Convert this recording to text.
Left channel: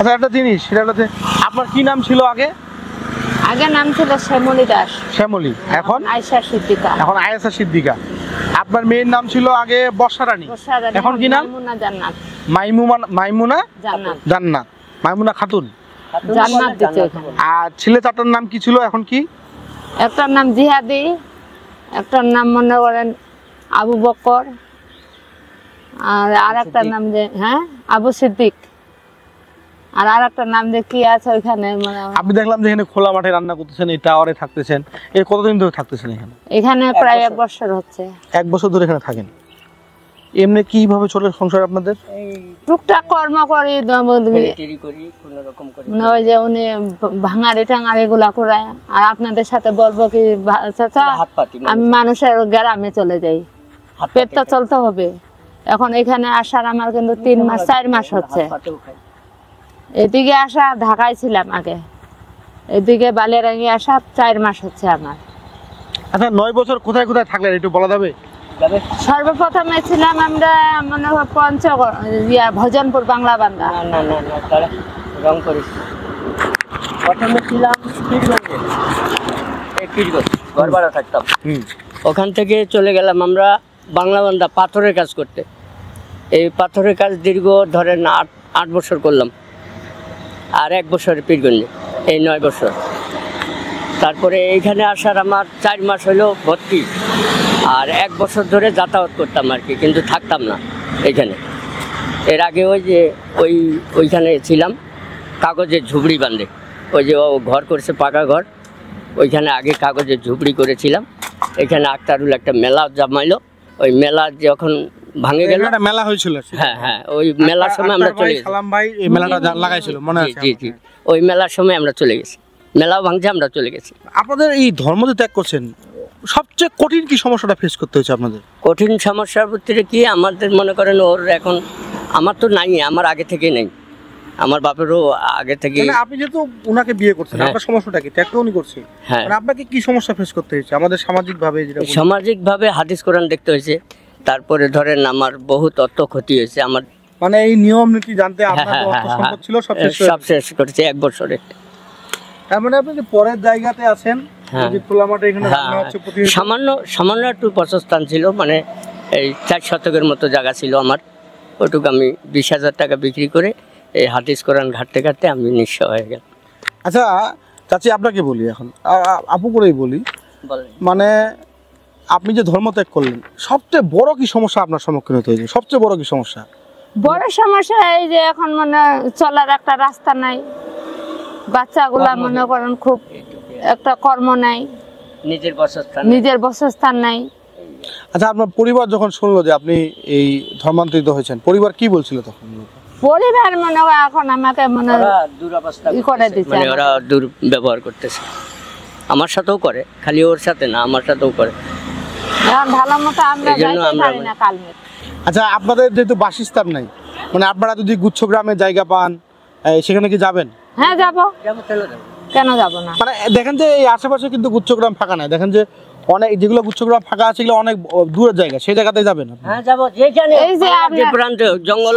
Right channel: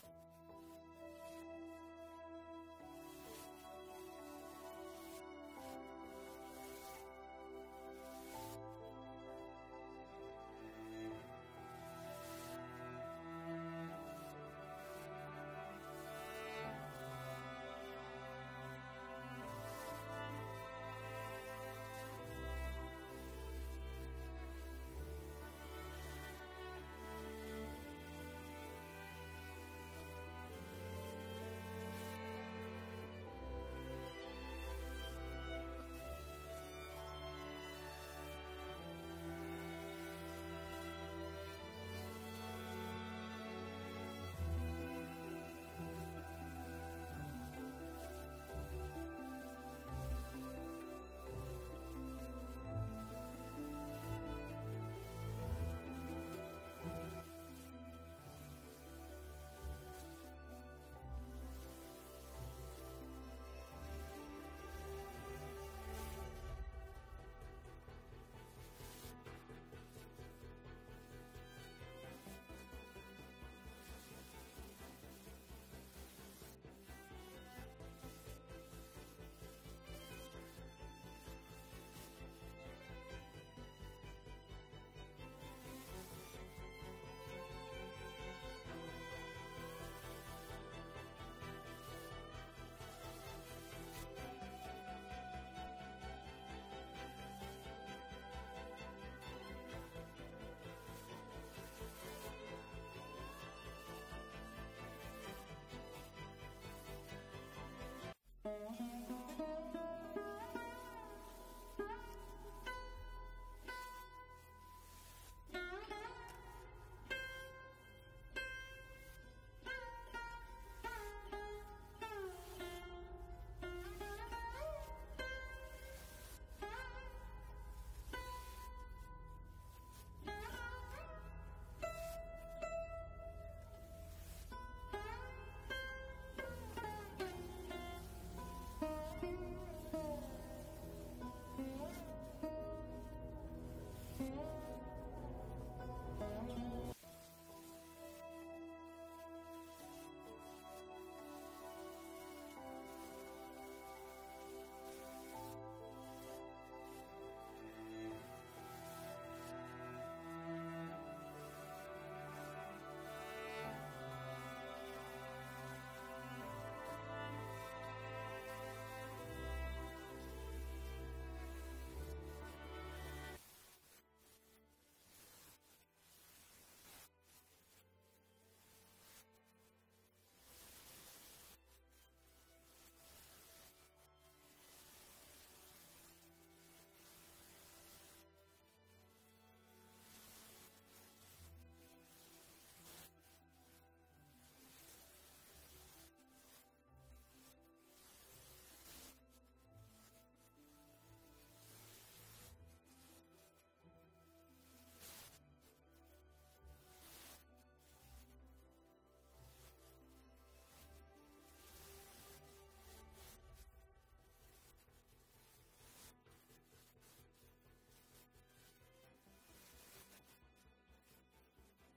আচ্ছা একটা জিনিস সেটা হচ্ছে আপনার কি নাম ছিল আগে? আগে নাম ছিল শ্যামলী দাস। শ্যামলী, এখন আয়েশা সিদ্দিকা। এখন আয়েশা সিদ্দিকা। আপনার মেয়ের নাম ছিল আগে বর্ষা রানী, এখন কি নাম? মাইমুনা জান্নাত। মাইমুনা জান্নাত। জান্নাত, মাইমুনা খাতুন জান্নাত দিতে এখানে। আর ছেলে চারটার নাম কি ছিল, এখন কি? একটার নাম জিহাদি, একটার নাম মনে করেন আবু বকর, আর একটার নাম যে আবু সিদ্দিক, আর একটা নাম যে কি আছে ওইখানে। মানে আপনি দেখলাম যে এখানে খোলা মাঠে রান্না করতেছেন, এই টাওয়ারে থাকতেছেন, এর কতদিন ধরে থাকতেছেন এখানে? এখানে প্রায় 1 বছর হচ্ছে। 1 বছর ধরে এখানে থাকেন। এমনি কিভাবে চলে সংসার আপনাদের? টুকটাক কর্ম করি, ওই যে উনি ভাঙাড়ি টাঙাড়ি গুলা করায়। আর আপনাদের সাথে বলবো কি চাচা, আমি মানুষের গ্রামে চলে যাই, পেট তো চলতে হবে। এখন এখানে আসার আমার কিন্তু 3 মাস 4 মাস হচ্ছে। এদিকে আসা, ঢাকায় ছিলাম আগে, এদিকে বালিয়ারাঙ্গি আসা 4 মাস হচ্ছে আমার। আচ্ছা 9 বছর কোথায় কোথায় থাকলেন একটু বলা যাবে? সর্বপ্রথমে ছিলাম আমরা মনে হয় ভজনপুর বাংলা বান্দা। প্রথমে ছিলাম ঘর ভাড়া থাকতাম, ওখান থেকে চলে গেলাম আমরা বাংলা বান্দা পাথরের কাজ করতে। এই পাথরের কাজ দীর্ঘ ধরেন 8 বছর করলাম, আর 1 বছরের পীরগঞ্জে, এই 9 বছর। তারপরে এইখানে আসার আমার 4 মাস হলো ভর্তি, আর 1 বছর ধরে যাতায়াত করতাম আর কি, কিন্তু থাকতাম না এইখানে। এর আগে ওই যে ওইখানে ছিলাম কাগজের ঝুপড়ি বাঁধে, ওই যে ও ঘর করেছে পাকা ঘর, ওইখানে আগে কাগজের ঝুপড়ি করেছিলাম। এখানে আক্তারুল একটা মেলা জমাইলো, ওই মেলা যখন ভাঙে গেল, মেলা হয়েছিল। হ্যাঁ, ওই মেলার সময় আমরা চলে গেছি। সালাম ভাই এই মেলাটা লাগাইছিল মনে আছে? জি, ওই মেলার সময় আমরা চলে গেছি, মেলাও ভাঙছে, আমরা চলে গেছি। আপনাদের এই ধর্ম যে ত্যাগ করছেন, সবচেয়ে কঠিন কি সমস্যাটা ফেস করতে হয়েছে আপনাদের? কঠিন সমস্যার ভিতরে কি আমাদের মনে করেন, ওর এখন আমার তো নাই, আমার আগে থেকে নেই, আমার বাপেরও আগে থেকে। আপনি যেহেতু ওনাকে বিয়ে করছেন, আপনার সমস্যাটা কি? ত্যাগ তো উনি করছে, মানে আপনাকে কি সমস্যা ফেস করতে হয়েছে? আমাদের সামাজিকভাবে সামাজিকভাবে হাদিস কোরআন দেখতে হয়েছে, তারপরে ধরেন আমার বহুত অর্থ ক্ষতি হয়েছে আমার, মানে এই নিয়ম নীতি জানতে আপনার অর্থ সম্পদ ছিল সব শেষ করেছে 1 বছরে। তার মানে আপনি যে পরের জায়গাতে আছেন, যে খোলা মাঠে এখানে রান্না হচ্ছে প্রতিদিন। সামান্য একটু বাসস্থান ছিল, মানে এই 4 শতকের মতো জায়গা ছিল আমার, ওটুকু আমি 20,000 টাকা বিক্রি করে এই হাদিস কোরআন ঘাটতে ঘাটতে আমি নিঃস্ব হয়ে গেল। আচ্ছা চাচি আপনাকে বলি, এখন আপু করেই বলি, মানে আপনি যে ধর্ম ত্যাগ করলেন, সবচেয়ে বড় কি সমস্যা আপনার সম্মুখীন হতে হয়েছে? সবচেয়ে বড় কি সমস্যা? বড় সমস্যা এই যে এখন মানে চলার একটা রাস্তা নাই, বাচ্চাগুলা মনে করেন খুব একটা কর্ম নাই, নিজের বাসস্থান নাই। আচ্ছা আপনার পরিবার যখন শুনলো যে আপনি এই ধর্মান্তরিত হয়েছেন, পরিবার কি বলছিল তখন? পরিবার মনে হয় এখন আমাকে মনে করে দিচ্ছে, মানে ওরা দুর্ব্যবহার করতেছে, আমার সাথেও করে, খালি ওর সাথে না, আমার সাথেও করে। ভালো মতো আমরা যাইতে পারি না কালমে। আচ্ছা আপনাদের যেহেতু বাসস্থান নাই, মানে আপনারা যদি গুচ্ছগ্রামে জায়গা পান, সেখানে কি যাবেন? হ্যাঁ যাবো, কেন যাবো না? মানে দেখেন যে এই আশেপাশে কিন্তু গুচ্ছগ্রাম ফাঁকা নাই, দেখেন যে অনেক যেগুলো গুচ্ছগ্রাম ফাঁকা আছে সেগুলো অনেক দূরের জায়গা, সেই জায়গাতে যাবেন? হ্যাঁ যাবো, যেখানে এই যে প্রান্তে জঙ্গল